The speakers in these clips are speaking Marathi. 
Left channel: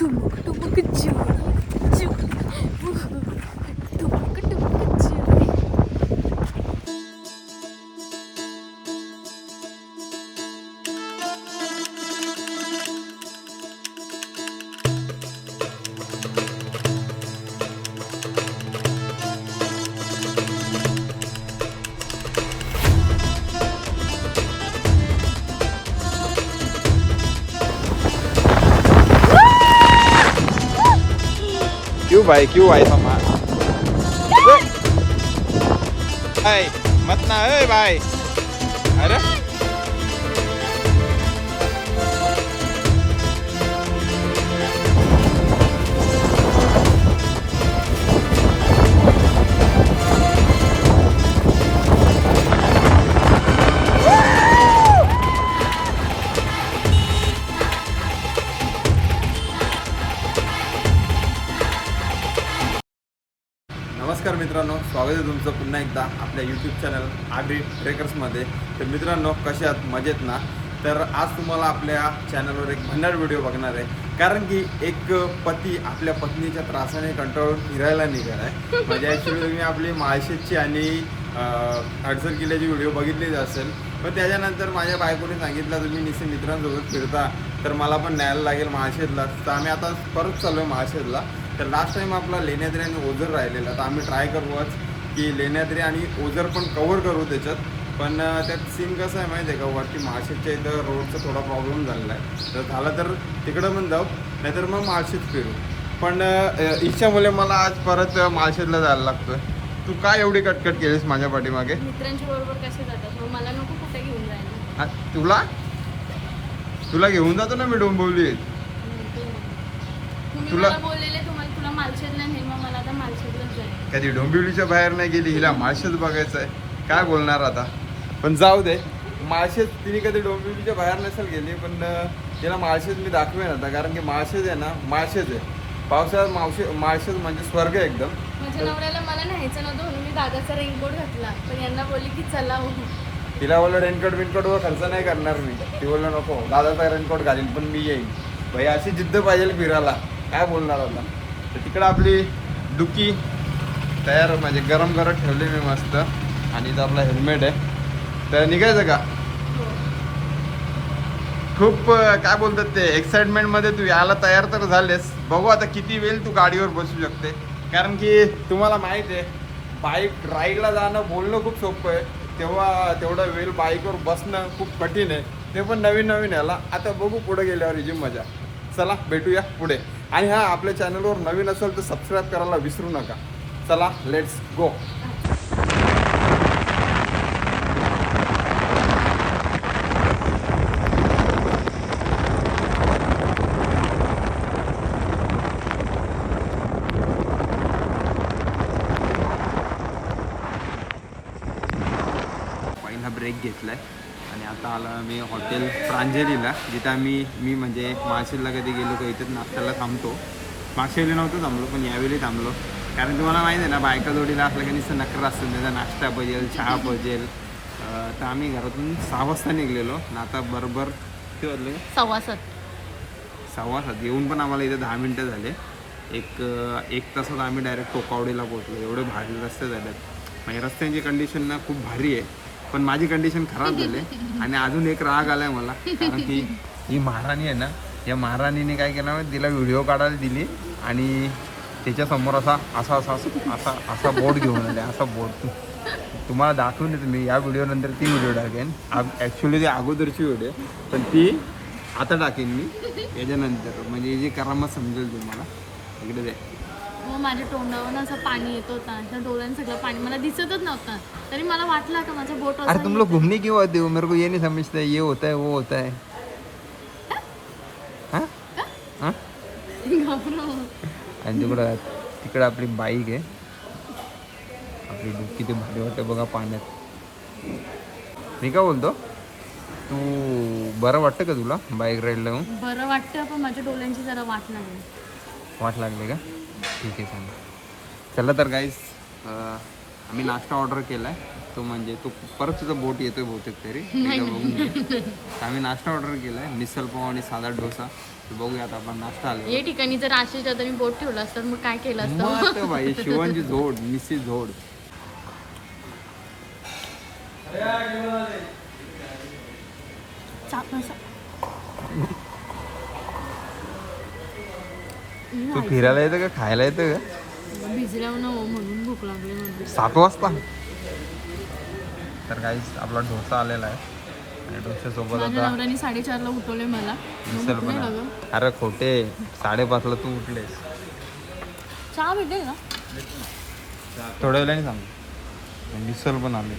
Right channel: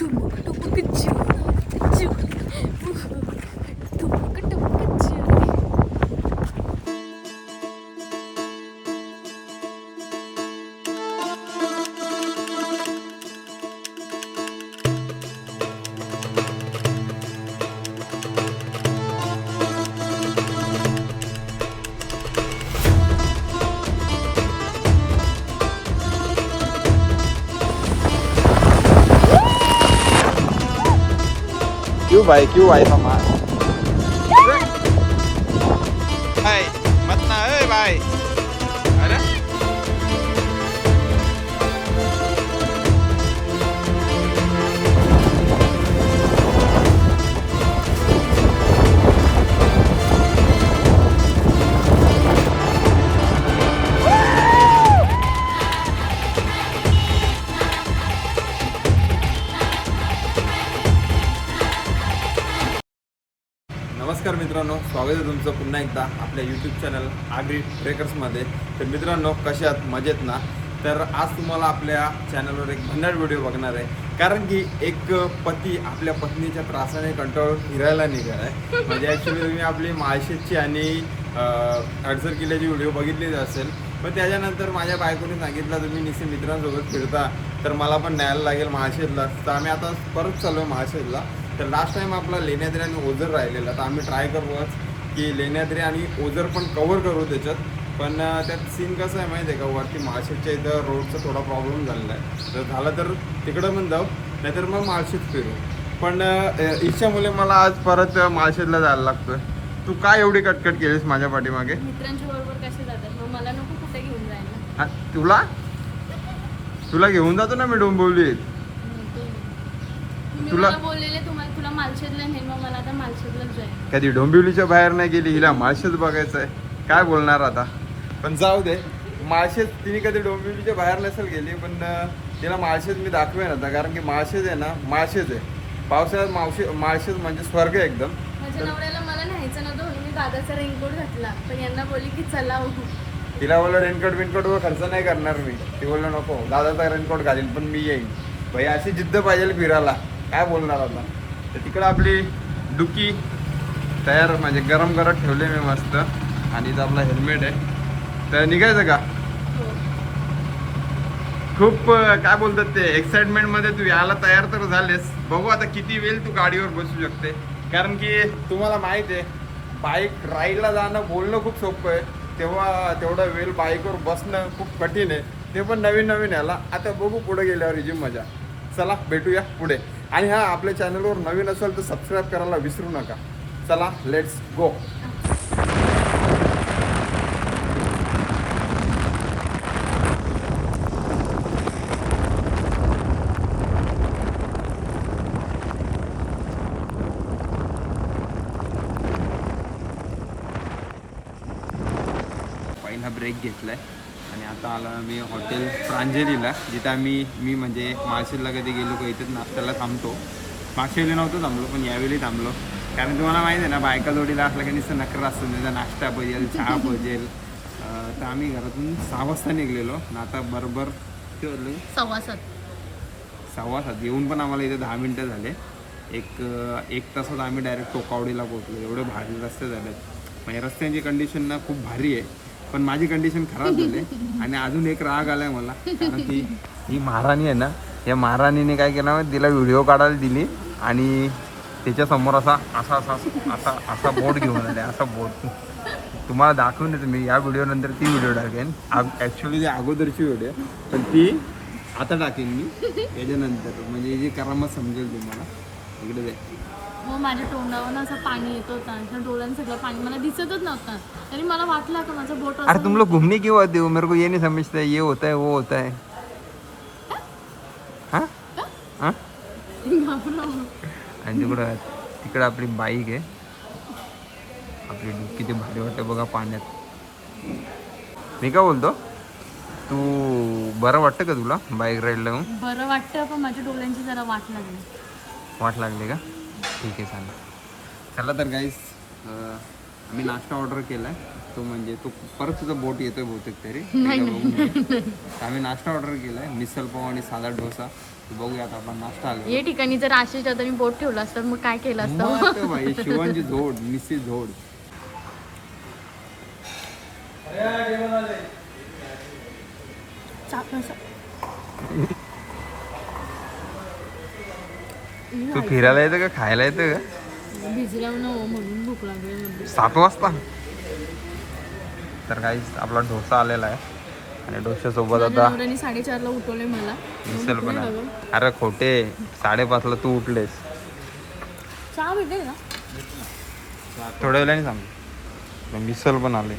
टुमुक टुमुक चिव चिव टुमुक टुमुक चिव. क्यों भाई सामान भाई मत ना भाई. अरे नमस्कार मित्रांनो, स्वागत आहे तुमचं पुन्हा एकदा आपल्या यूट्यूब चॅनल आगरी ट्रेकर्समध्ये. तर मित्रांनो, कसे आहात? मजेत ना? तर आज तुम्हाला आपल्या चॅनलवर एक भन्नाट व्हिडिओ बघणार आहे. कारण की एक पती आपल्या पत्नीच्या त्रासाने कंटाळून फिरायला निघाला आहे. म्हणजे ॲक्च्युली तुम्ही आपली माळशेजची आणि हडसर किल्ल्याची व्हिडिओ बघितलीच असेल. पण त्याच्यानंतर माझ्या बायकोने सांगितलं तुम्ही निश्चित मित्रांसोबत फिरता तर मला पण न्यायला लागेल माळशेजला. तर आम्ही आता परत चाललो आहे माळशेजला. तर लास्ट टाइम आपला लेण्याद्री आणि ओझर राहिलेला, तर आम्ही ट्राय करूच की लेण्याद्री आणि ओझर पण कवर करू त्याच्यात. पण त्यात सीन कसं आहे माहिती आहे का, वरती माळशेजच्या इथं रोडचा थोडा प्रॉब्लेम झालेला आहे. तर झालं तर तिकडं पण जाऊ, नाहीतर मग माळशेज फिरू. पण इच्छामुळे मला आज परत माळशेजला जायला लागतोय. तू काय एवढी कटकट केलीस माझ्या पाठीमागे? मित्रांच्या बरोबर कसे जातात, मग मला नको कुठे घेऊन जायला. तुला घेऊन जातो ना मी डोंबिवलीत. तुला बोललेले तुला माळशेजला नाही, मग मला आता माळशेजलाच जाईल. कधी डोंबिवलीच्या बाहेर नाही गेली, हिला माळशेज बघायचं आहे. काय बोलणार आता, पण जाऊ दे. माळशेज तिने कधी डोंबिवलीच्या बाहेर नसेल गेली, पण तिला माळशेज मी दाखवेन आता. कारण की माळशेज आहे ना, माळशेज आहे. पावसाळ्यात माळशेज म्हणजे स्वर्ग आहे एकदम. माझ्या नवऱ्याला मला न्यायचं नव्हतं म्हणून मी दादाचा रेनकोट घातला, पण यांना बोलली की चला हो. तिला बोललो रेनकोट वर खर्च नाही करणार मी. ती बोललो नको, दादाचा रेनकोट घालीन पण मी येईन. भाई अशी जिद्द पाहिजे फिरायला. काय बोलणार आता. तर तिकडं आपली डुकी तयार, म्हणजे गरम करत ठेवले मी मस्त. आणि इथं आपला हेल्मेट आहे. तर निघायचं का? हो. खूप काय बोलतात ते एक्साइटमेंटमध्ये तू यायला तयार तर झालेस. बघू आता किती वेळ तू गाडीवर बसू शकते. कारण की तुम्हाला माहीत आहे, बाईक राईडला जाणं बोलणं खूप सोपं आहे, तेवढा वेळ बाईकवर बसणं खूप कठीण आहे. ते पण नवीन याला. आता बघू पुढे गेल्यावर ही जी मजा. चला भेटूया पुढे. आणि हा, आपल्या चॅनलवर नवीन असेल तर सबस्क्राईब करायला विसरू नका. चला लेट्स गो. पहिला ब्रेक घेतलाय आणि आता आला मी हॉटेल प्रांजलीला, जिथं मी म्हणजे माळशेजला कधी गेलो का इथेच नाश्त्याला थांबतो. मागच्या वेळी नव्हतं थांबलो, पण यावेळी थांबलो. कारण तुम्हाला माहिती आहे ना, बायका जोडीला असलं की नुसतं नखरं असतं, त्याचा नाश्ता पाहिजे, चहा पाहिजे. तर आम्ही घरातून 6 वाजता निघलेलो ना, आता बरोबर किती वाजले? 6:15 येऊन पण आम्हाला इथे 10 मिनटं झाले. एक तासात आम्ही डायरेक्ट टोकावडीला पोहोचलो. एवढे भारी रस्ते झालेत. म्हणजे रस्त्यांची कंडिशन ना खूप भारी आहे, पण माझी कंडिशन खराब झाली. आणि अजून एक राग आलाय मला, कारण की ही महाराणी आहे ना, या महाराणीने काय केलं, तिला व्हिडिओ काढायला दिली आणि त्याच्यासमोर असा बोट घेऊन आले. असा बोट तुम्हाला दाखवून येतो मी. या व्हिडिओ नंतर ती व्हिडिओ टाकेन. ॲक्च्युली ती अगोदरची व्हिडिओ, पण ती आता टाकेन मी याच्यानंतर. म्हणजे जी करामत समजेल तुम्हाला. इकडे दे. मग माझ्या तोंडावर असं पाणी येत होतं, डोळ्यांना सगळं पाणी, मला दिसतच नव्हतं. तरी मला वाटलं का माझं बोट. अरे तुम लोग घूमने क्यों आते हो? मेरे को ये नहीं समझता है, ये होता है वो होता है. हाँ हाँ. आणि तिकडं आपली बाईक आहे. आपली किती भारी वाटते बघा पाण्यात. मी काय बोलतो, तू बरं वाटतं का तुला बाईक राईडला? बरं वाटतं, पण माझ्या डोळ्यांची जरा वाट लागली का? ठीक आहे, चालेल. चला तर गाईस, आम्ही नाश्ता ऑर्डर केलाय. तो म्हणजे तो परत तुझा बोट येतोय बहुतेक तरी. आम्ही नाश्ता ऑर्डर केलाय, मिसल पाव आणि साधा डोसा. बघूया आता आपण नाश्ता आलो. या ठिकाणी जर आशिष आता मी बोट ठेवलं असतं मग काय केलं असतं. मस्त बाई, शिवांची झोड, निस्सी झोड. तू फिरायला येतं का खायला येतं का? भिजल्यावर न म्हणून भूक लागली म्हणजे. 7 वाजता. तर काही आपला डोसा आलेला आहे आणि डोश्यासोबत आता 4:30ला उठवले मला. मिसल पण आहे. अरे खोटे, 5:30ला तू उठलेस. चहा भेटेल ना थोड्या वेळाने सांग. मिसल पण आले.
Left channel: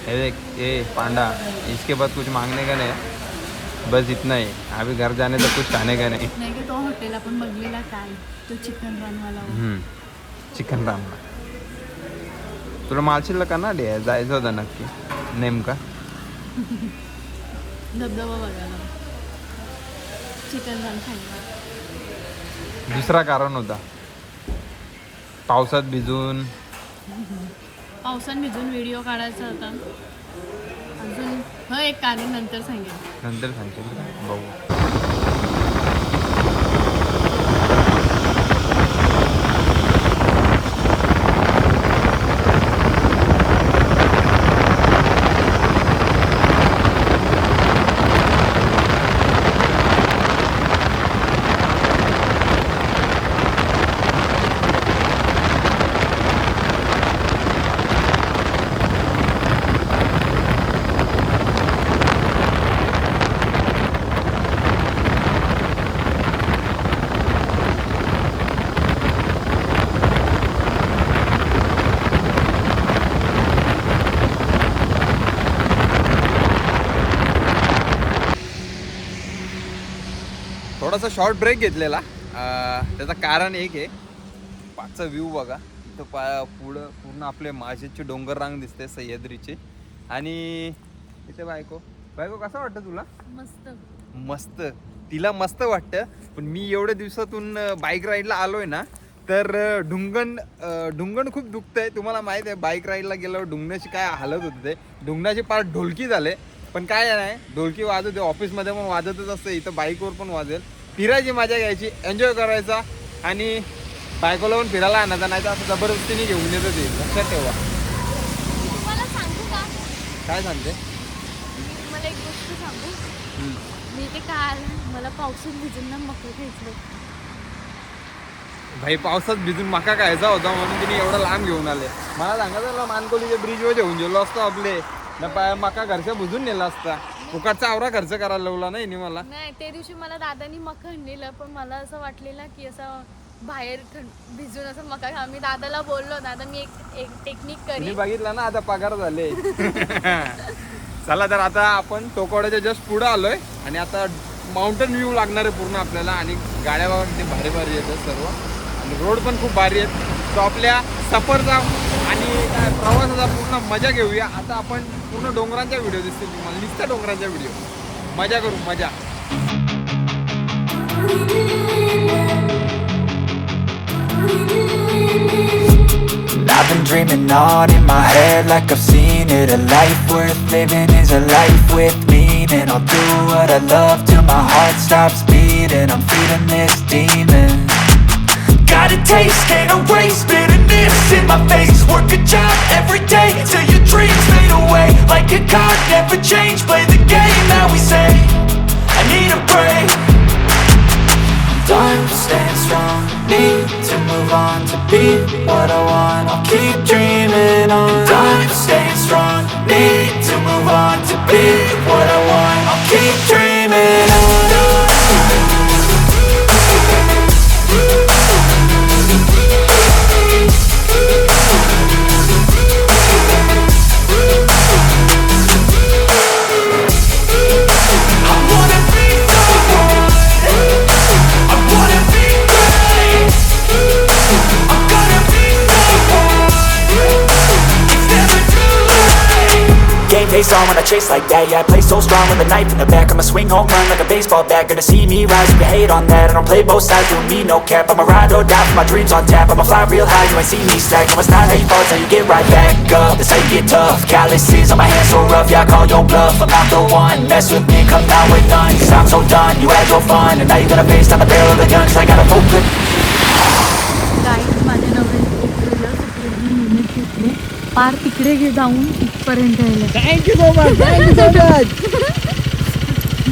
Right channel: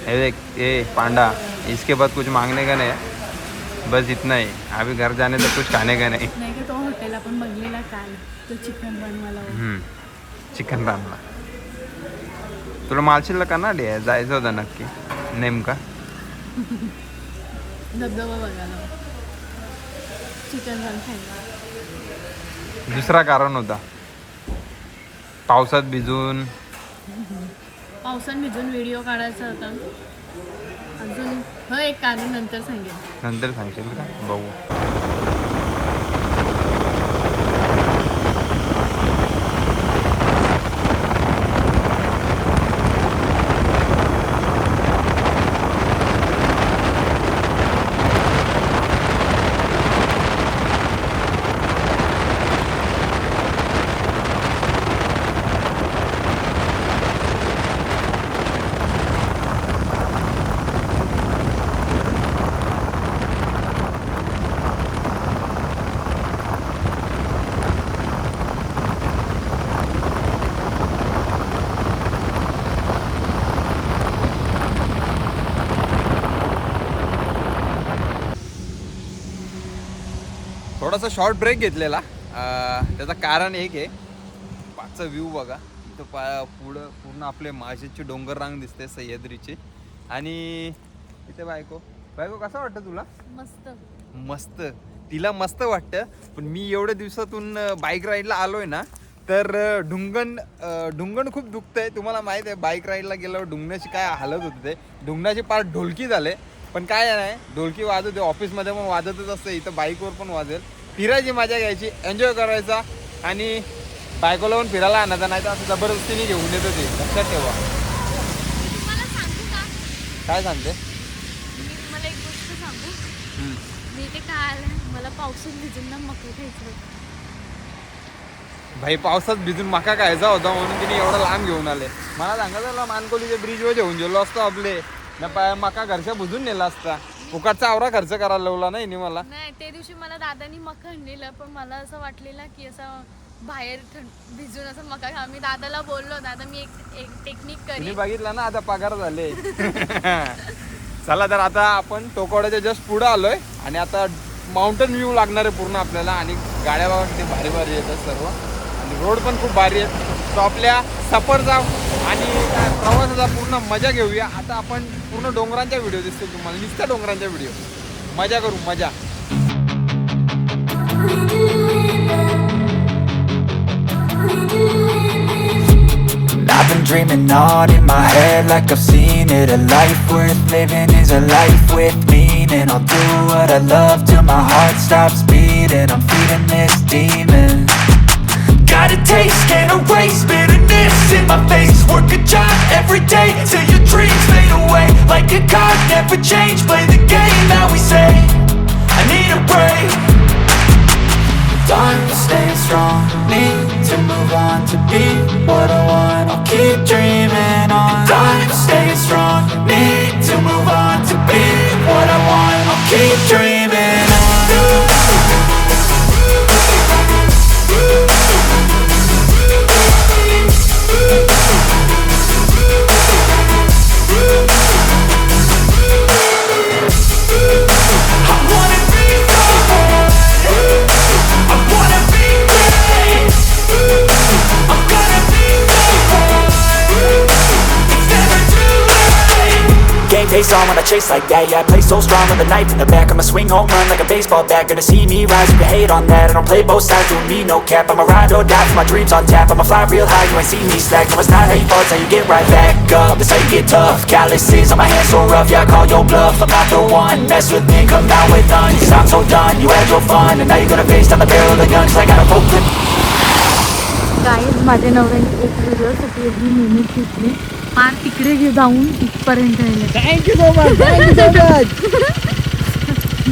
ये देख, ये पांडा, इसके बाद कुछ मांगने का नहीं, बस इतना ही. अभी घर जाने तक कुछ खाने का नहीं. नाही की तो हॉटेल आपण बघलेला काल, तो चिकन रनवाला. चिकन रानला. तुला मालशीला का ना जायचं होतं नक्की नेमका? धबधबा बघायला, चिकन रन खायला. दुसरा कारण होता, पावसात भिजून व्हिडिओ काढायचा होता. अजून एक कारण नंतर सांगेल का? बघू. थोडासा शॉर्ट ब्रेक घेतलेला. त्याचं कारण एक आहे, पाचचा व्ह्यू बघा. इथं पुढं पूर्ण आपले माशेची डोंगर रांग दिसते सह्याद्रीची. आणि इथे बायको कसं वाटतं तुला? मस्त. तिला मस्त वाटतं. पण मी एवढ्या दिवसातून बाईक राईडला आलोय ना, तर ढुंगण खूप दुखतंय. तुम्हाला माहित आहे, बाईक राईडला गेल्यावर ढुंगणाची काय हालत होते. ते ढुंगणाचे पार ढोलकी झाले. पण काय नाही, ढोलकी वाजवते, ऑफिसमध्ये पण वाजतच असते, इथं बाईकवर पण वाजेल. फिरायची मजा घ्यायची, एन्जॉय करायचा आणि बायकोला पण फिरायला आणायचा. नाही तर असं जबरदस्तीने घेऊन येतं ते, लक्षात ठेवा. तुम्हाला सांगू का? काय सांगते? मी तुम्हाला एक गोष्ट सांगू. मी ते काय आलं, मला पावसात भिजून ना मका खायचं. भाई पावसात भिजून मका खायचा होता म्हणून तिने एवढा लांब घेऊन आले. मला सांगायचं मानकोलीच्या ब्रिजवर घेऊन गेलो असतो आपले ना, मका घरच्या बुजून नेला असता. फुकाचा आवरा खर्च करायला लावला नाही मला. नाही, त्या दिवशी मला दादानी मका आणलेला, पण मला असं वाटलेलं की असं बाहेर भिजून असं मका खा. मी दादाला बोललो, दादा मी एक टेक्निक करी. बघितलं ना, आता पगार झाले. चला तर आता आपण टोकवाड्याच्या जस्ट पुढे आलोय आणि आता माउंटेन व्ह्यू लागणार आहे पूर्ण आपल्याला. आणि गाड्या बघा किती भारी भारी येतात सर्व, आणि रोड पण खूप भारी आहेत. तो आपल्या सफरचा आणि काय प्रवासाचा पूर्ण मजा घेऊया. आता आपण पूर्ण डोंगरांच्या व्हिडिओ दिसतील तुम्हाला, नुसत्या डोंगरांच्या व्हिडिओ. मजा करू, मजा. I've been dreaming on in my head like I've seen it. A life worth living is a life with meaning. I'll do what I love till my heart stops beating. I'm feeding this demon. Got a taste, can't erase bitterness in my face. Work a job every day till your dreams fade away. Like a card, never change, play the game that we say. I need a break. I'm staying strong, need to move on to be what I want. I'll keep dreaming on. I'm staying strong, need to move on to be what I want. I'll keep dreaming on. game face on when I chase like that. Yeah, I play so strong with a knife in the back. I'ma swing home run like a baseball bat. Gonna see me rise, you can hate on that. I don't play both sides, doing me no cap. I'ma ride or die for my dreams on tap. I'ma fly real high, you ain't see me slack. No, it's not how you fall, it's how you get right back up. That's how you get tough. Calluses on my hands so rough, yeah, I call your bluff. I'm not the one, mess with me, come down with none. Cause I'm so done, you had your fun. And now you're gonna face down the barrel of the gun. Cause I got a full clip. Guys माझ्या नवऱ्याने एक व्हिडिओसाठी एवढी मेहनत घेतली पार तिकडे जाऊन इथपर्यंत यायला thank you so much, thank you so much.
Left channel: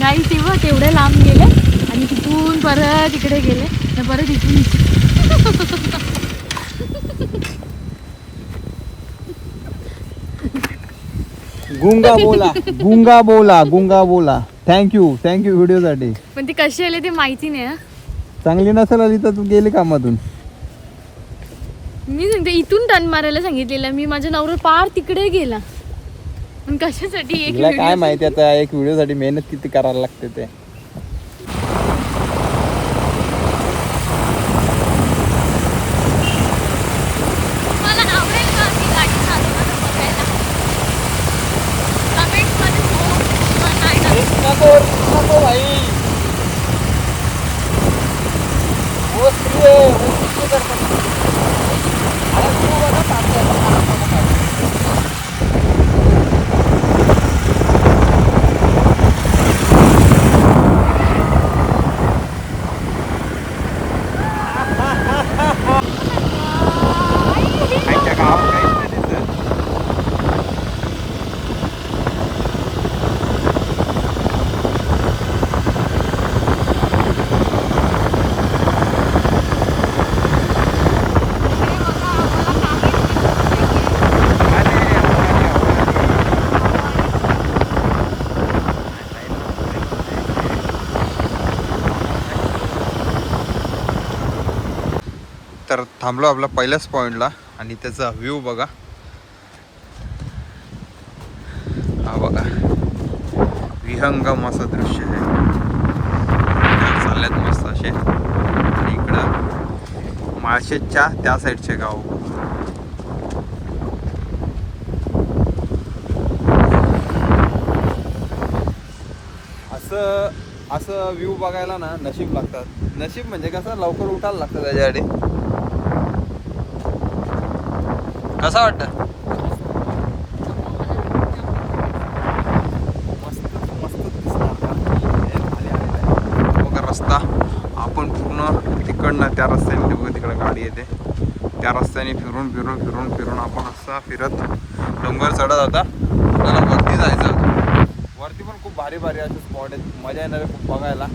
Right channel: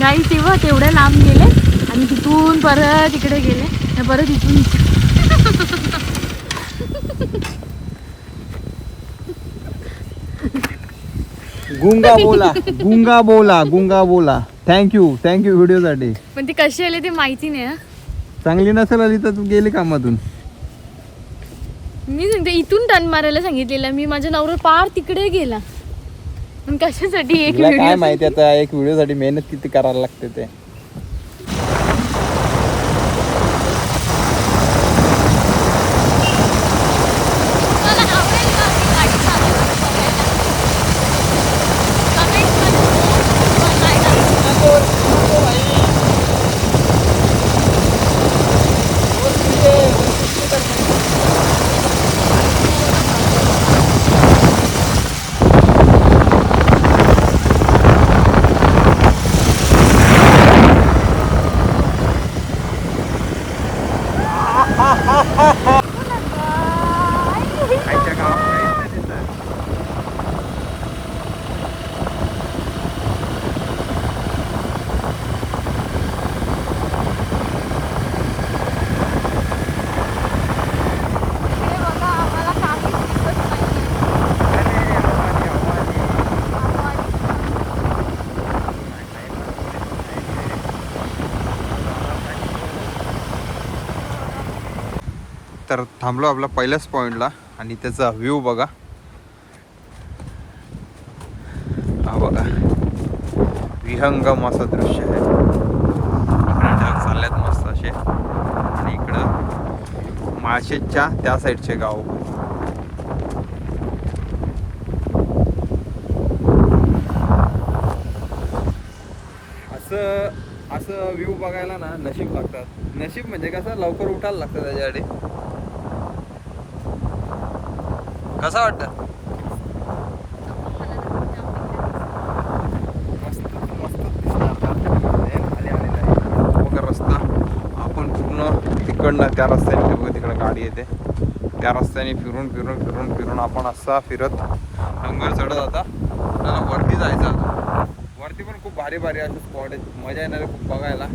Guys तेव्हा तेवढे लांब गेले आणि तिथून परत इकडे गेले आणि परत इथून गुंगा बोला. थँक्यू व्हिडिओसाठी. पण ती कशी आली ते माहिती नाही. चांगली नसेल आली तर तू गेली कामातून. मी सांगते इथून टर्न मारायला सांगितलेलं मी, माझ्या नवरा पार तिकडे गेला. पण कशासाठी एक तुला काय माहिती आता एक व्हिडिओसाठी मेहनत किती करायला लागते ते. तर थांबलो आपल्या पहिल्याच पॉईंटला आणि त्याचा व्ह्यू बघा. हा बघा विहंगम असं दृश्य आहे. चालल्यात मस्त असे. आणि इकडं माळशेजच्या त्या साईडचे गाव. असं व्ह्यू बघायला ना नशीब लागतात. नशीब म्हणजे कसं लवकर उठायला लागतं त्याच्यासाठी. कसा वाटतं? रस्ता आपण पूर्ण तिकडनं त्या रस्त्याने बघा तिकडे गाडी येते त्या रस्त्याने फिरून आपण असा फिरत डोंगर चढत होता. त्याला वरती जायचं. वरती पण खूप भारी असे स्पॉट आहेत. मजा येणार आहे खूप बघायला.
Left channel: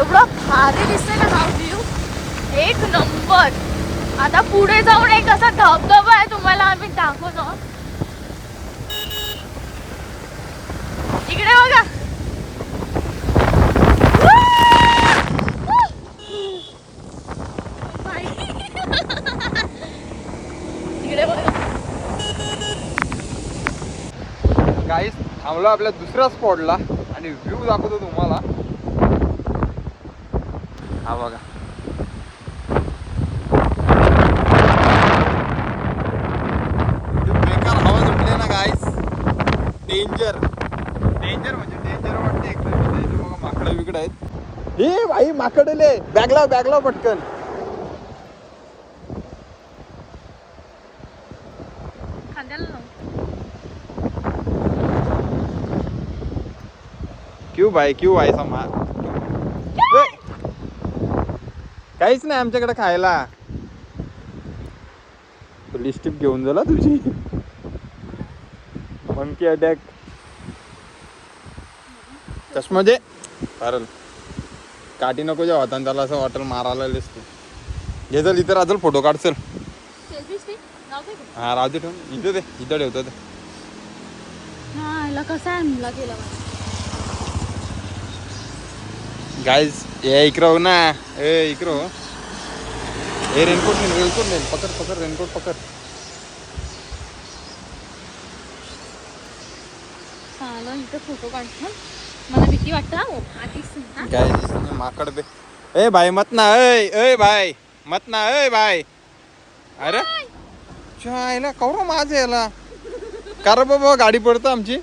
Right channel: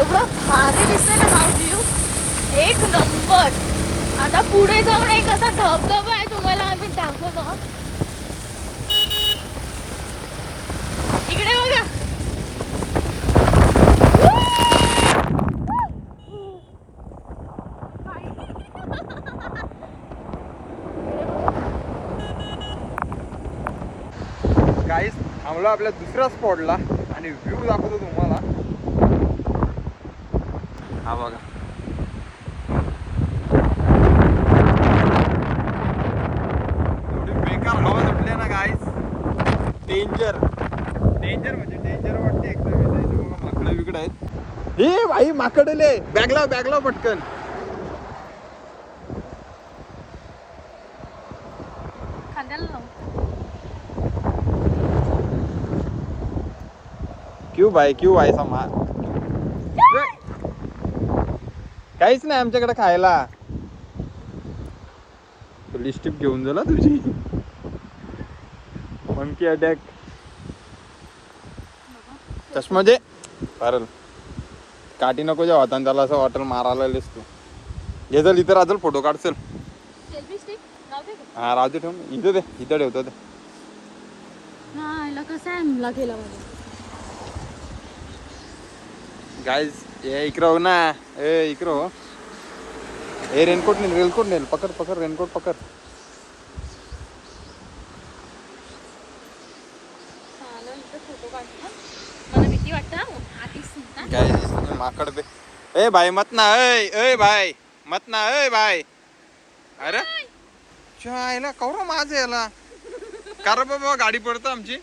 एवढा भारी दिसतो ना हा व्ह्यू, एक नंबर. आता पुढे जाऊन एक असा धबधबा आहे तुम्हाला आम्ही दाखवतो. इकडे बघा. इकडे बघा. गाईस थांबलो आपल्या दुसऱ्या स्पॉटला आणि व्ह्यू दाखवतो तुम्हाला. हा बघा. एवढी बेकार हवा सुटली ना गाईस. डेंजर म्हणजे डेंजर वाटते एकदम. माकडं बिकडं आहेत. हे भाई माकडले. बॅगला पटकन. क्यों भाई समा काहीच नाही आमच्याकडे खायला. लिस्टिप घेऊन झाला तुझी मंकी अटॅक. चष्मा दे चालेल. काठी नको जे होता त्याला असं वाटेल मारायला लिस तू. घे चल इथं राहतील फोटो काढ चल. सेल्फी स्टिक लावते का? हा राहते ठेव इथं दे इथं ठेवतो ते. हा याला कसं आहे मुला केलं गाईज ये इकडं हो ना. ए इकडं हो. ए रेनकोट नेल पकड रेनकोट पकड. चांगलं इथं फोटो काढतो. मला भीती वाटतं आधीच गाईज माकड बे. ए भाई मत ना. ए भाई मत ना. ए भाई अरे चायला कौर माझं याला कार बाबा गाडी पडतो आमची.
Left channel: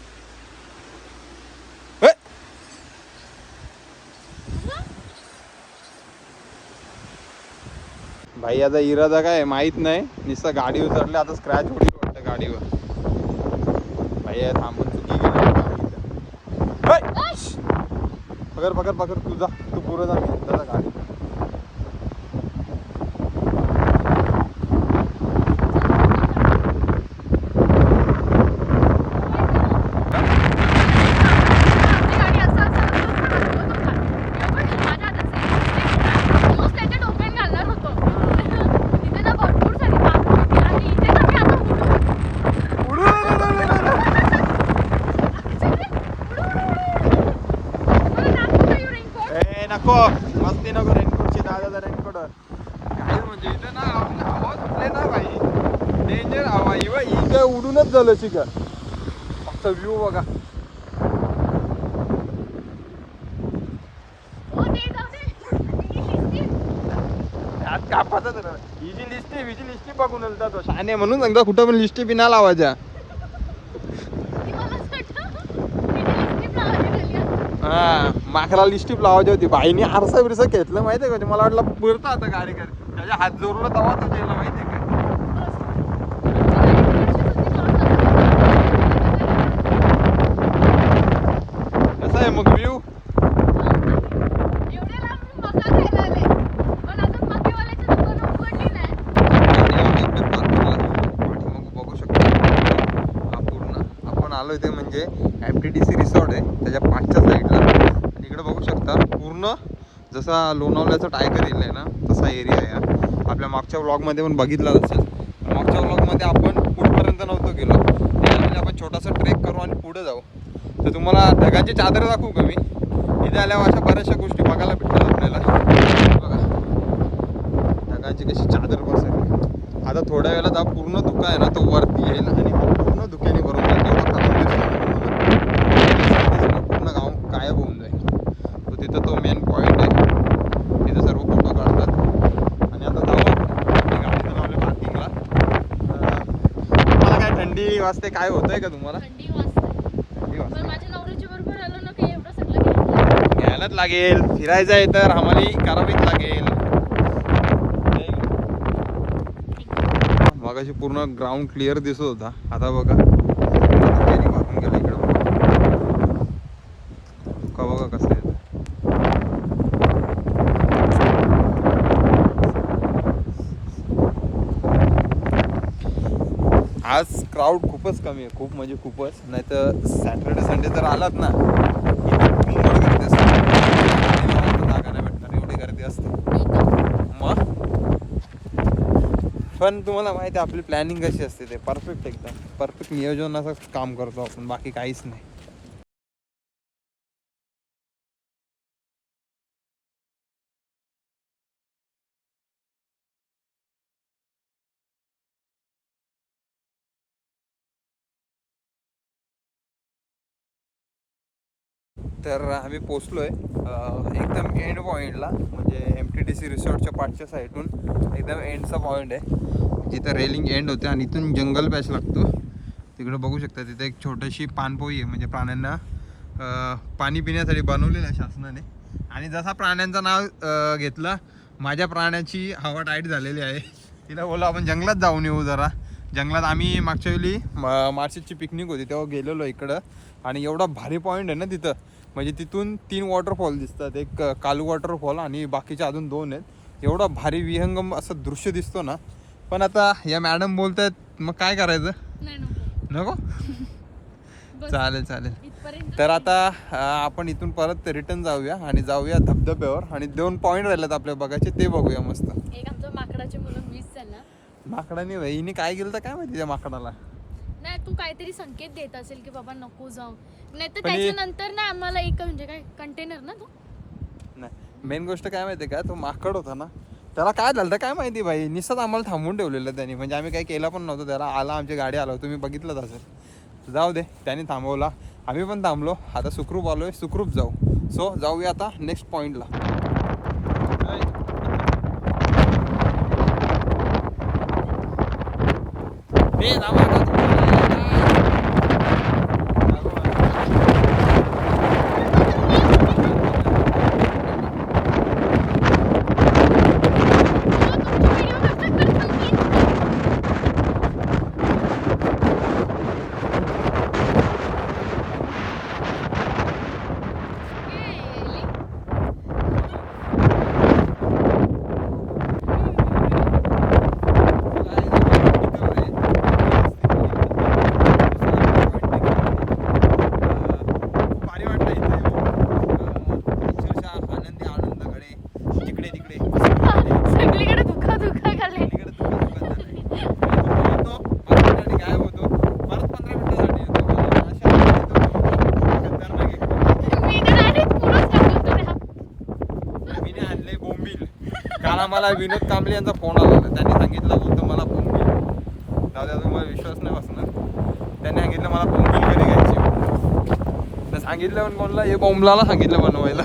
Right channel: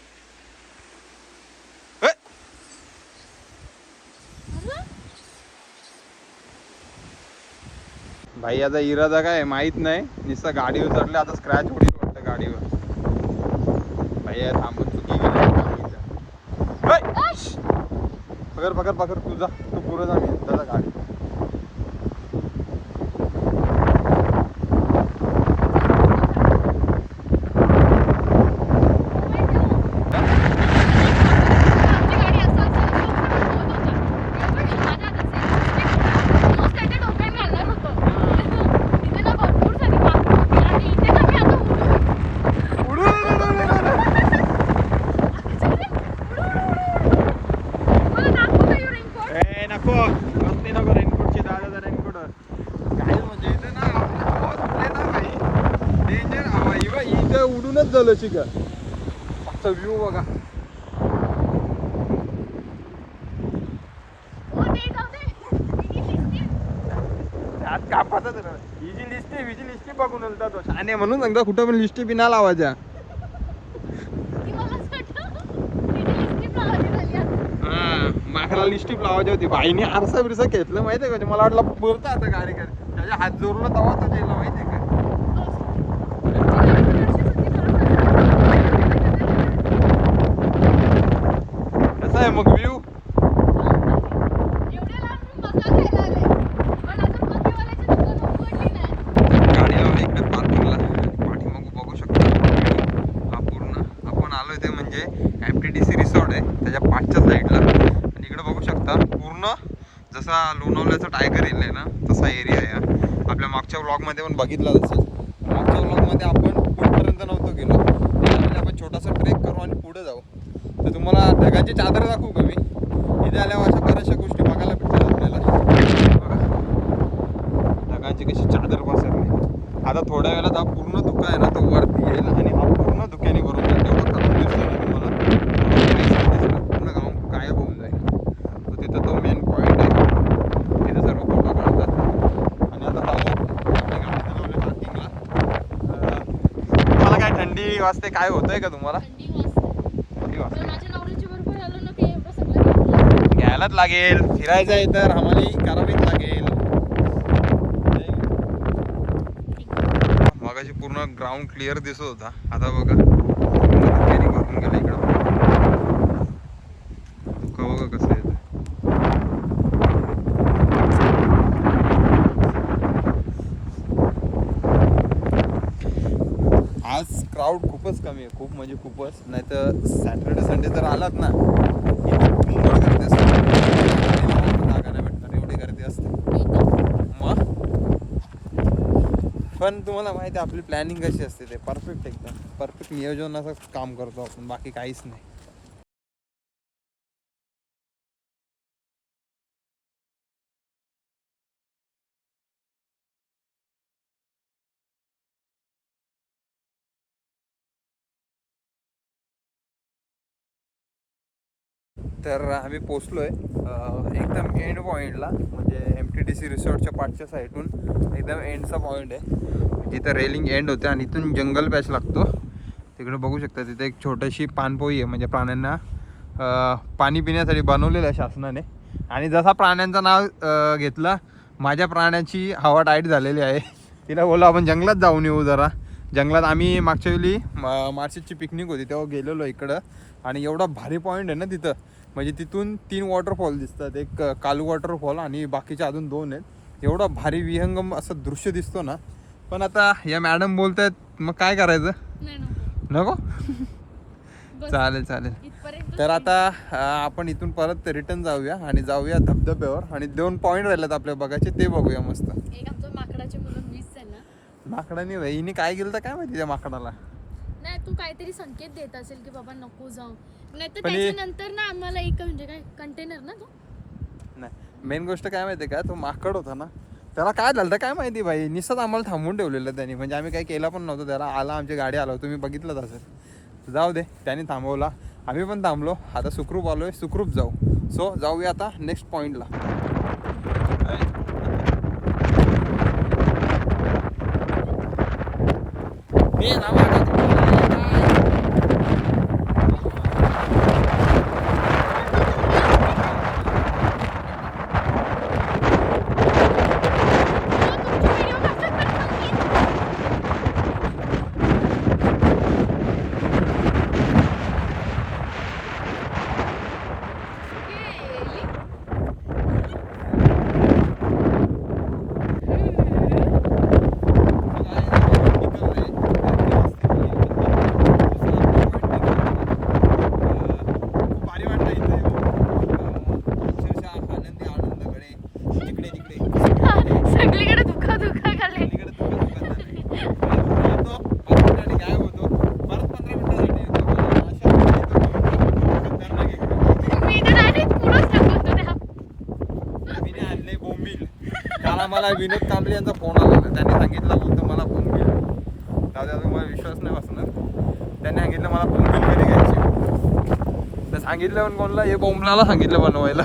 भाई आता इरादा काय माहित नाही. नुसतं गाडीवर चढले आता स्क्रॅच होईल वाटतं गाडीवर. भाई थांबून चुकी पकड तू जा तू पुढे जा मी दादा गाडी. उडूनच झालं शिका. फक्त व्ह्यू बघा. कापाचा हिची लिस्टी बघून तो शाने म्हणून सांगता कुठं पण लिस्टी बिना लावायच्या. हा माकरा लिस्टिप लावायची होती. बाईने आरसा बिरसा घेतलं माहितीये का. मला वाटलं पुरता आता गाडी कर त्याच्या हात जोरला तवा तो जेला माहितीये का. कसा आहे मग व्ह्यू. आलोय ते म्हणजे MTDC रिसॉर्ट आहे त्याच्या पाठच्या साईडला. आणि इकडे बघू शकता पूर्ण जसा लोणावल्याचा टायगर एरिया आहे ना तसा एरिया आहे. आपल्या मागच्या व्लॉगमध्ये पण बघितलं असेल. मागच्या व्लॉगमध्ये आपण पुढपर्यंत नव्हतो गेलो. त्यामध्ये आपण छोटासा ट्रेक करू आणि पुढे जाऊ. तर तुम्हाला ढगांची चादर दाखवू का मी. इथे आल्यावर अशा बऱ्याचशा गोष्टी बघायला भेटतात आपल्याला. बघा ढगांची कशी चादर बसेल. आता थोड्या वेळात हा पूर्ण धुका आहे ना तो वरती येईल आणि पूर्ण धुक्याने भरून जाईल. पूर्ण गाव गायब होऊन जाईल. तो तिथं तो मेन पॉईंट आहे. तिथं सर्व फोटो काढतात. आणि आता गाडी लावले पार्किंगला. तुम्हाला काय थंडी वाजते काय होतंय का तुम्हाला. थंडी वाजते. माझ्या नवऱ्याच्या बरोबर आलो ना की एवढं सगळं घ्यायलाच लागेल. फिरायचं आहे तर आम्हाला करावीच लागेल. मगाशी पूर्ण ग्राउंड क्लिअर दिसत होता. आता बघा वाहून गेला इकडं. बघा कसं आहे. आज क्राऊड खूपच कमी आहे. खूप म्हणजे खूपच. नाही तर सॅटर्डे संडे जर आलात ना मुंबई गर्दी असते. जागा नाही भेटणार एवढी गर्दी असते. मग पण तुम्हाला माहिती आहे आपली प्लॅनिंग कशी असते. ते परफेक्ट एकदम परफेक्ट नियोजनाचं काम करतो आपण. बाकी काहीच नाही. तर आम्ही पोचलो आहे एकदम एंड पॉईंटला. म्हणजे MTDC रिसॉर्टच्या पाठच्या साईडून एकदम एंडचा पॉईंट आहे जिथं रेलिंग एंड होते. आणि इथून जंगल पॅच लागतो. तिकडे बघू शकता तिथे एक छोटीशी पाणपोई आहे. म्हणजे प्राण्यांना पाणी पिण्यासाठी बनवलेलं आहे शासनाने. आणि जसा प्राण्यांचं नाव घेतलं माझ्या प्राण्याची हवा टाईट झालेली आहे. तिला बोललो आपण जंगलात जाऊन येऊ जरा. जंगलात आम्ही मागच्या वेळी मार्चची पिकनिक होती तेव्हा गेलेलो इकडं. आणि एवढा भारी पॉईंट आहे ना तिथं. म्हणजे तिथून 3 वॉटरफॉल दिसतात. एक कालू वॉटरफॉल आणि बाकीचे अजून 2 आहेत. एवढा भारी विहंगम असं दृश्य दिसतो ना पण आता या मॅडम बोलतायत मग काय करायचं? नाही नको. नको. बस चालेल चालेल. इथपर्यंत. तर आता आपण इथून परत रिटर्न जाऊया आणि जाऊया धबधब्यावर आणि 2 पॉईंट राहिलेत आपल्या बघायचे ते बघूया मस्त. एक आमचं माकडाची मुलं मिस झाला. माकडाने वहिनी काय केलं तर काय माहिती त्या माकडाला. नाही तू काहीतरी संकेत देत असेल की बाबा नको जाऊ, नाही तर पण हे- त्याच्यानंतर ना आम्हाला एक म्हणजे काय कंटेनर ना तो नाही मेन गोष्ट काय माहिती का, तो माकड होता ना त्याला काय झालं तर काय माहिती भाई, निसत आम्हाला थांबवून ठेवलेलं त्यांनी, म्हणजे आम्ही काही केलं पण नव्हतं. त्याला आला आमची गाडी आलो तुम्ही बघितलंच असेल. जाऊ दे त्यांनी थांबवला, आम्ही पण थांबलो. आता सुखरूप आलोय, सुखरूप जाऊ. सो जाऊया आता नेक्स्ट पॉईंटला. सगळीकडे दुखा दुखा खाल्ले. मी तर direct पुढंच टाकलं तुला. काल आम्हाला विनोद कांबळे यांचा फोन आला होता. त्यांनी सांगितलं बोलतो मला बोंबील. दादा तुम्हाला विश्वास नाही बसणार. त्यांनी सांगितलं मला बोंबील कधी घ्यायची. तर सांगितलं पण कोणला हे बोंबलाला सांगितलं बनवायला.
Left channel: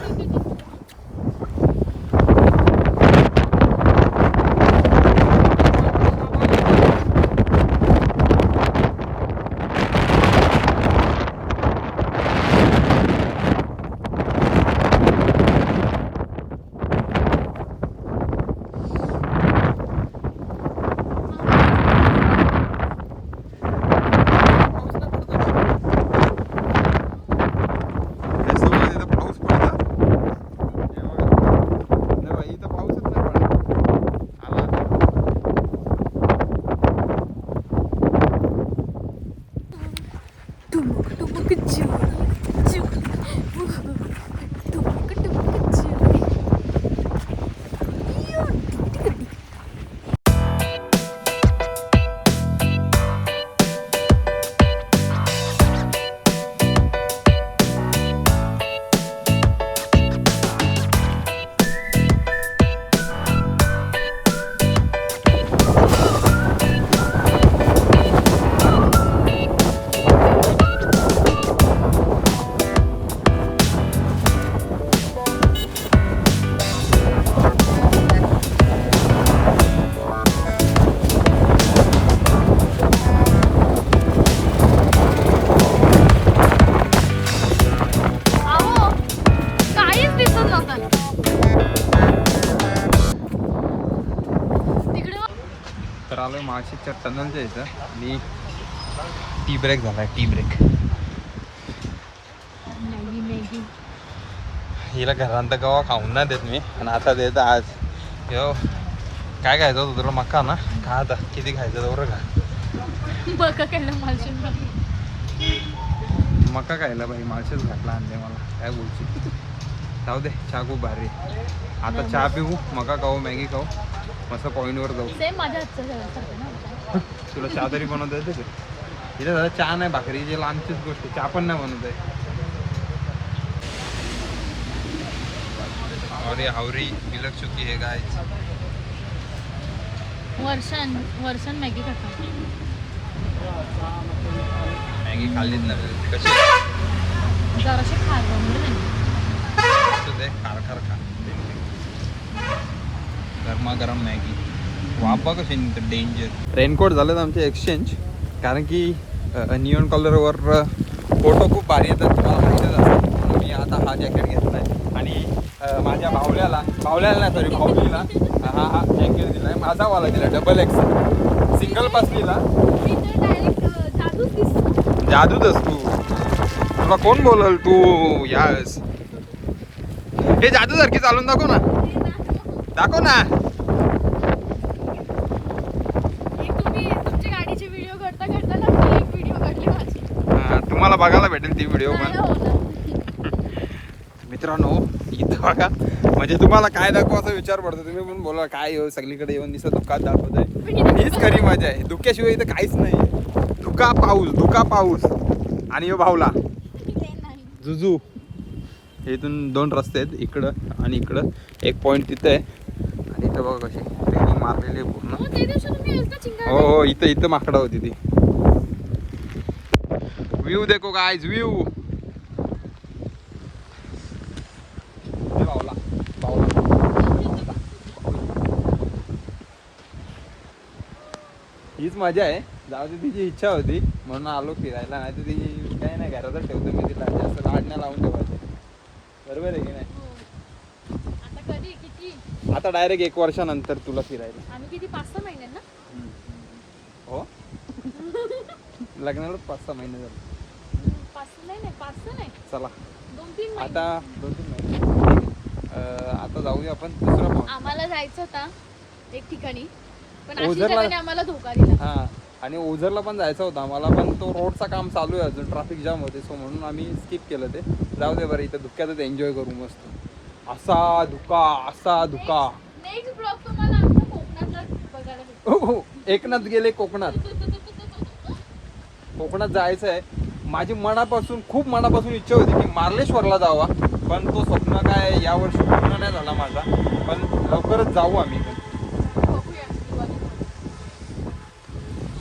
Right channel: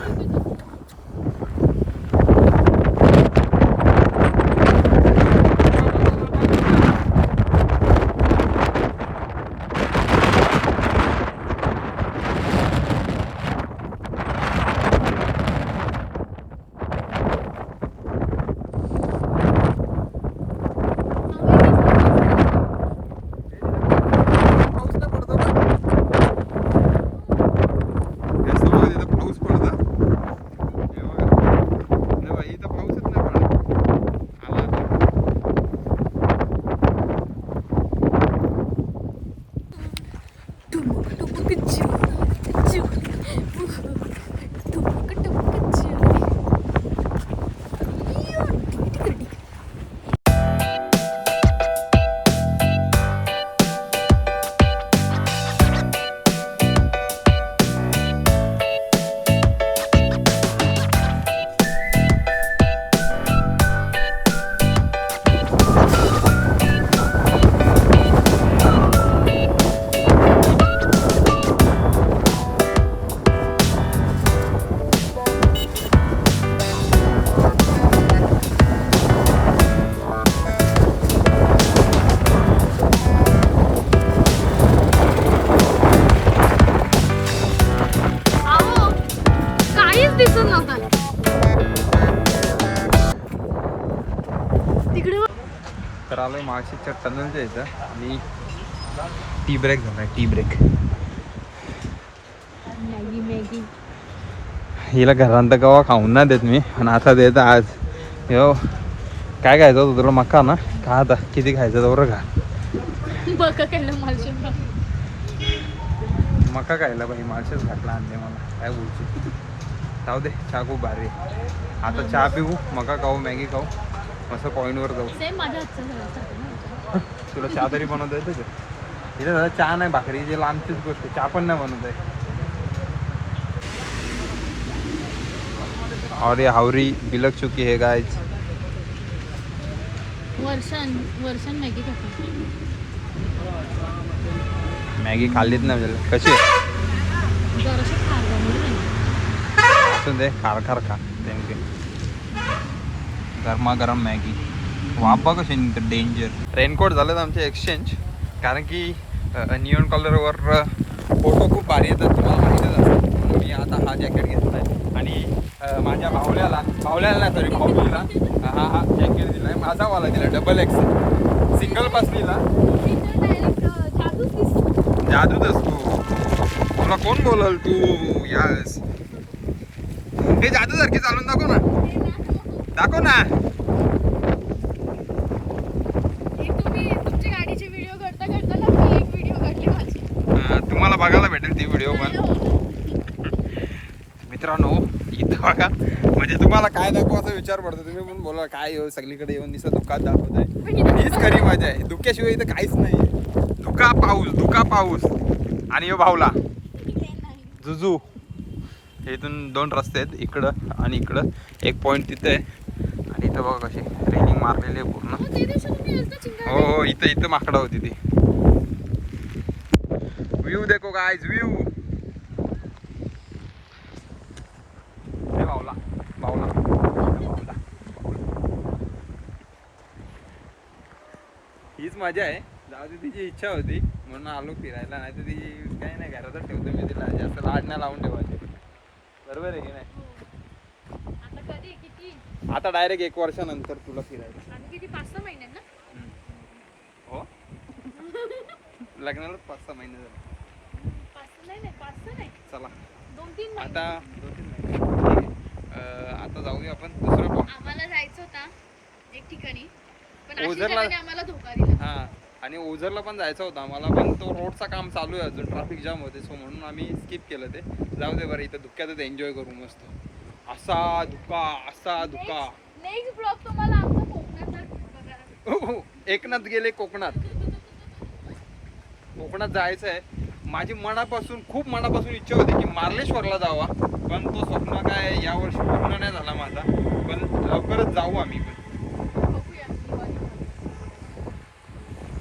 अहो, काहीच दिसत नव्हतं तिकडे. तर आलोय माळशेजच्या टनलच्या इथं आणि टी ब्रेक झालाय. टी ब्रेक मॅगी मॅगी हिला घरांत गवा खाऊन ना देत मी आणि आता देत आज. हो काय खायचं होतं तुला? मका ना खा आता, किती खायचं तेवढं खा. बघा केलं मालशेला. मका खायला बाई माळशेच घातला आणले मला, काय बोलची. जाऊ दे चहा खूप भारी आहे. आता चहा पिऊ, मका खाऊ, मॅगी खाऊ, मस्त पॉईंटवर जाऊ. सेम माझ्या हातचं झाल्यासारखं ना. तुला चहा तरी बनवता येतं का? इथे झालं चहा नाही भाकरी, जे लांबचीच गोष्ट आहे. चहा पण नाही बनवत आहे. और ये हावरी बिलक चुकी है गाइस. वर्षान मॅगी खाता. मॅगी खाल्लीच नाही तरी. कशी जराशे खार बनवले त्यांनी. असं दे खार खार खा. गरमागरम मॅगी. वापा कशी नाही डेंजर. रेनकोट झालेत आमचे एक्सचेंज, कारण की नियॉन कलरवर फोटो खूप भारी येतात, तुम्हाला माहितीच असेल. मी आता हा जॅकेट घेतला आहे आणि माझ्या भावल्याला नाही सॉरी भाऊलीला हा जॅकेट दिला आहे. माझावाला दिला डबल एक्सेल. सिंगल पासलीला मी तर डायरेक्ट जादूच दिसतो. जादूच असतो. तुला कोण बोलल तू यास? हे जादू सारखी चालून दाखव ना, दाखव ना. बघायला भेटेल ती व्हिडिओ नाही पण. होणार. मित्रांनो इथं बघा, म्हणजे तुम्हाला काय दाखवू असा विचार पडतो. तुम्ही पण बोला काय हो सगळीकडे येऊन दिसत धुकात दाखवत आहे. हीच खरी मजा आहे. धुक्याशिवाय इथं काहीच नाही. धुका पाऊस आणि यो भावला ते नाही. जुजू. इथून 2 रस्ते आहेत, इकडं आणि इकडं. एक पॉइंट तिथे आहे आणि इथं बघा कशी रेनिंग मारलेली आहे पूर्ण. हो, त्या दिवशी तुम्ही गेलता चिंगारी. हो इथं माकडा होती ती. व्यू देखो गाइस, व्यू. बावला हीच मजा आहे. जाऊ दे, तिची इच्छा होती म्हणून आलो फिरायला. नाही तर तिची काही नाही, घरातच ठेवतो मी तिला. जास्त लाड नाही लावून ठेवायचे. बरोबर आहे की नाही? हो. आता कधी किती आता डायरेक्ट 1 वर्षानंतर तुला फिरायला. आम्ही किती 5-6 महिन्यांना हो लग्नाला 5-6 महिने झाले. 5 नाही चला 2-3 महिने. आता 2-3 महिने. आता जाऊया आपण दुसरा पॉईंट. आम्हाला जायचं होता एक ठिकाणी, पण ओझरला- आशिषाने आम्हाला धोका दिला. हा, आणि ओझरला पण जायचं होतं आम्हाला, पण तो रोडचा काम चालू आहे अजून, ट्रॅफिक जाम होते. सो म्हणून आम्ही स्किप केलं ते. जाऊ दे बरं, इथं धुक्यातच एन्जॉय करू मस्त. असा धुका. नेक्स्ट ब्लॉग तुम्हाला आमचा कोकणातला बघायला भेटेल. हो, एकनाथ गेले कोकणात जायचं आहे. माझी खूप मनापासून इच्छा होती की मार्लेश्वरला जावा, पण तो स्वप्न काय यावर्षी पूर्ण नाही झाला माझा. पण लवकरच जाऊ आम्ही पण. बघूया दिवाळीमध्ये.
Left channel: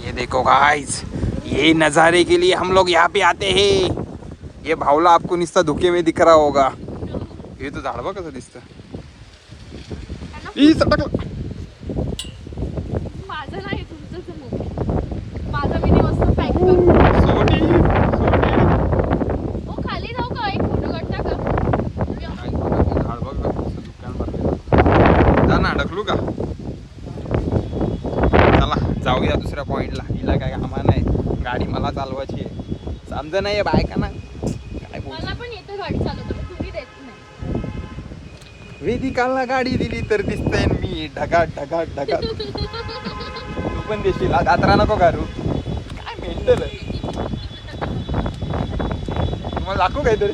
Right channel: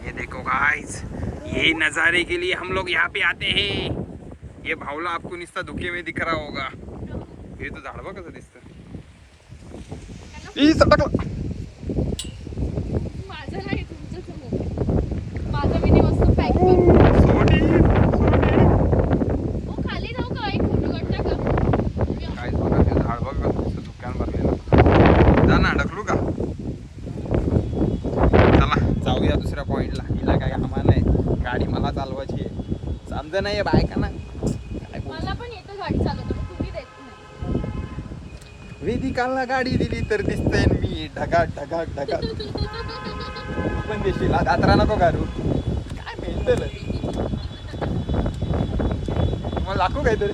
ये देखो गाइस, ये नज़ारे के लिए हम लोग यहाँ पे आते हैं. ये भावला आपको निस्ता धुके में दिख रहा होगा. हे तो झाड बघ कसं दिसतं. ई सटकलं. माझं नाही, तुमचंच मोबाईल. माझा मी मस्त पॅक करू. सोडी. हो, खाली जाऊ का? एक फोटो काढता का? काय बघा ते झाड बघ कसं धुक्यानं भरलेलं. जा ना, ढकलू का? चला जाऊया दुसऱ्या पॉइंटला. हिला काय कामा नाही, गाडी मला चालवायची आहे. समजा नाही बायका ना काय बोल. मला पण येतं गाडी चालवतो, पण तुम्ही देत नाही. वेदिकाला गाडी दिली तर दिसतंय मी ढगा. तू पण देशील, दातरा नको घालू. काय मेंटल आहे. तुम्हाला दाखवू काहीतरी.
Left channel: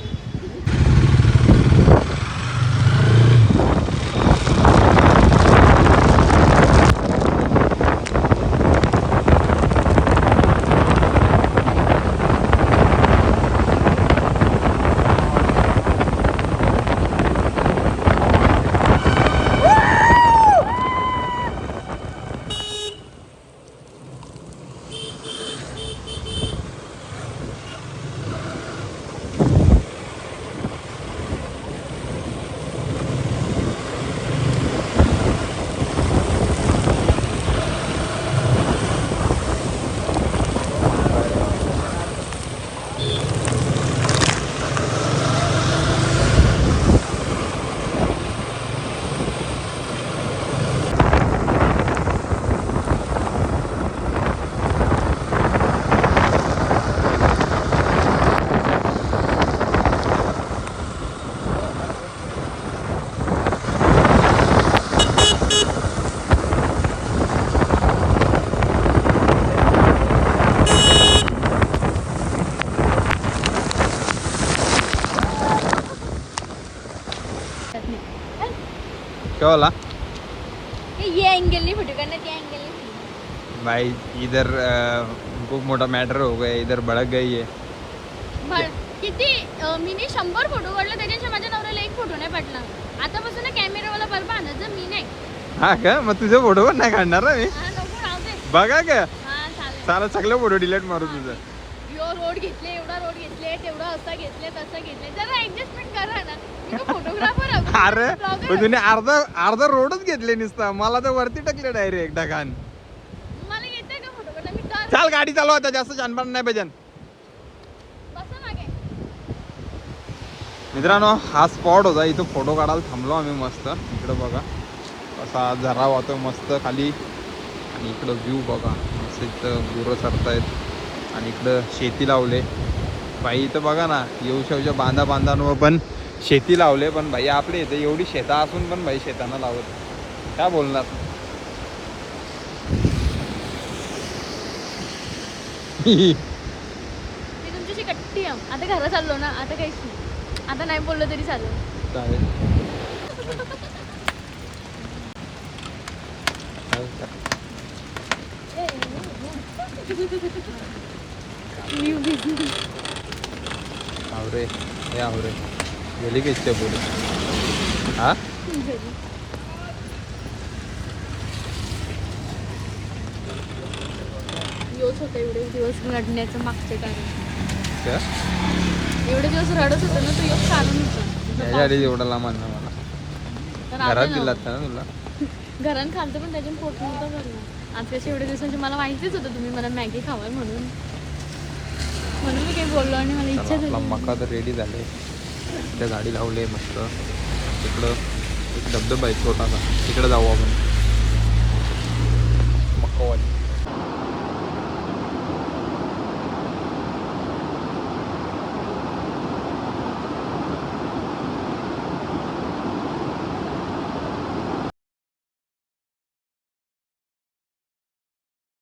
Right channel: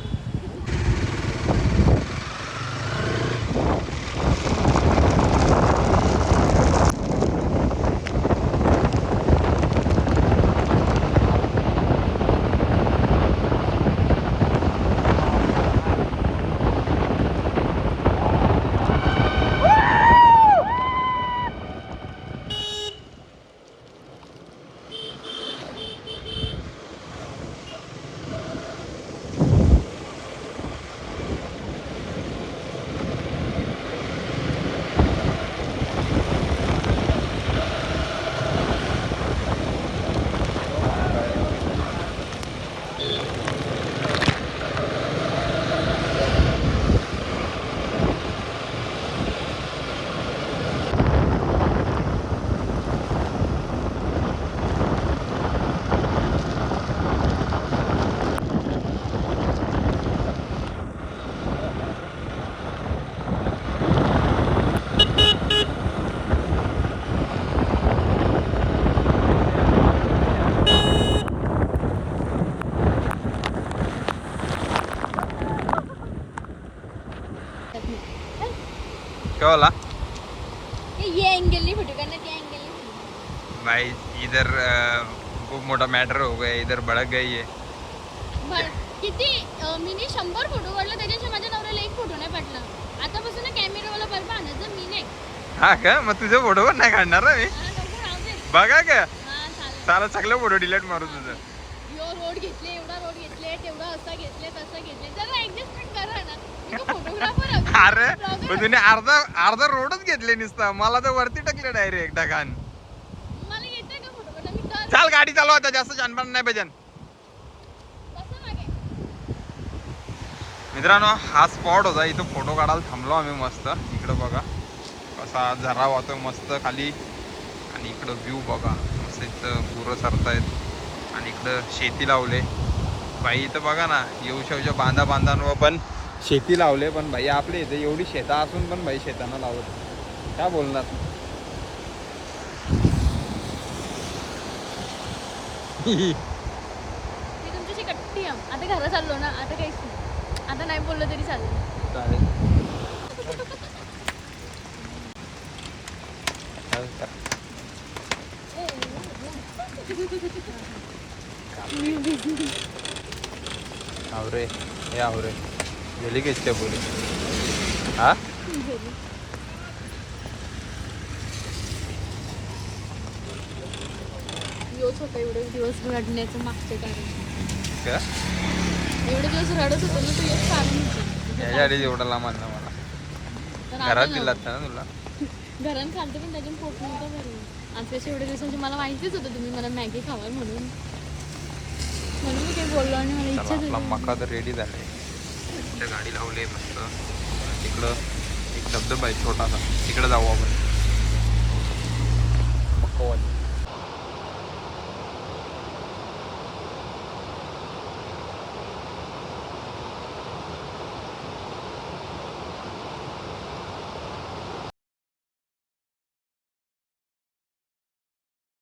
क्या बोला ये एंगल नहीं फोटो करना, त्या एंगल नहीं. भाई इधर खूप मोठा मॅटर हो गया, इधर भडक गई है. किती मीने 100 फोटो काढले, त्याच्याशी माझ्या नवऱ्याला एक फोटो नाही पटला. आतापासून ना कॅमेरावाला बरोबर आणायचं, मी नाही. हा का? मग तुझे फोटो पण नाही काढणार ना मी. हा, नको राहू दे. बघा का, हा, चालेल. सारा सगळे फोटो डिलीट मारू तुझं. यो रोड घेतले, एवढा रोड घेतले, तेवढा असा घेतले, तसा घेतले. जरा ऍडजस्टमेंट करा ना. मी फोटोग्राफर आहे. अरे blogger पण तुम्ही अर्धा रोडच घेतले नुसता, मला तर वरती टाकले डायरेक्ट ढगान. मला येते का फोटो काढता? मी तर चाल गाडी चालव आता, जास्त जानपान नाही पाहिजे. बसा मागे. मित्रांनो हा स्पॉट होता, इथं फोटो काढायला थांबलो आम्ही मस्त. इकडं बघा असा झरा वाहतो मस्त खाली, आणि इकडं व्ह्यू बघा असं. इथं गुरं सरतायत आणि इकडं शेती लावले. बाई इथं बघा ना, येऊशावच्या बांधांवर पण शेती लावले. पण भाई आपले इथे एवढी शेतं असून पण भाई शेताना लावत काय बोलणार. मी तुमच्याशी कट्टी नियम. आता घरात चाललो ना, आता काहीच नाही. आता नाही बोललं तरी चालेल. चालेल. आवरे हे आवरे गेली की इच्छा बोलू हा योच होतं एवढे दिवस रडण्याचं मागचं कारण. का एवढे दिवस रडत होतं ना, तो योच कारण होतं. याच्या आधी एवढा लांब आणला मला तर घरात आता दिला ना, ना तुला घरात खालतं पण त्याच्यात पोट नव्हतं भरलं. आज कसे एवढे दिवसांचे मला माहितीच होतं तुम्ही मला मॅगी खावाल म्हणून मी काही बोललो आणि मला चला इच्छा आपला झाली. मका तर रेडी झाले. त्या गाडी लावली मस्त. तिकडं एक धबधबा आहे छोटासा, तिकडे जाऊ आपण. मक्कावाली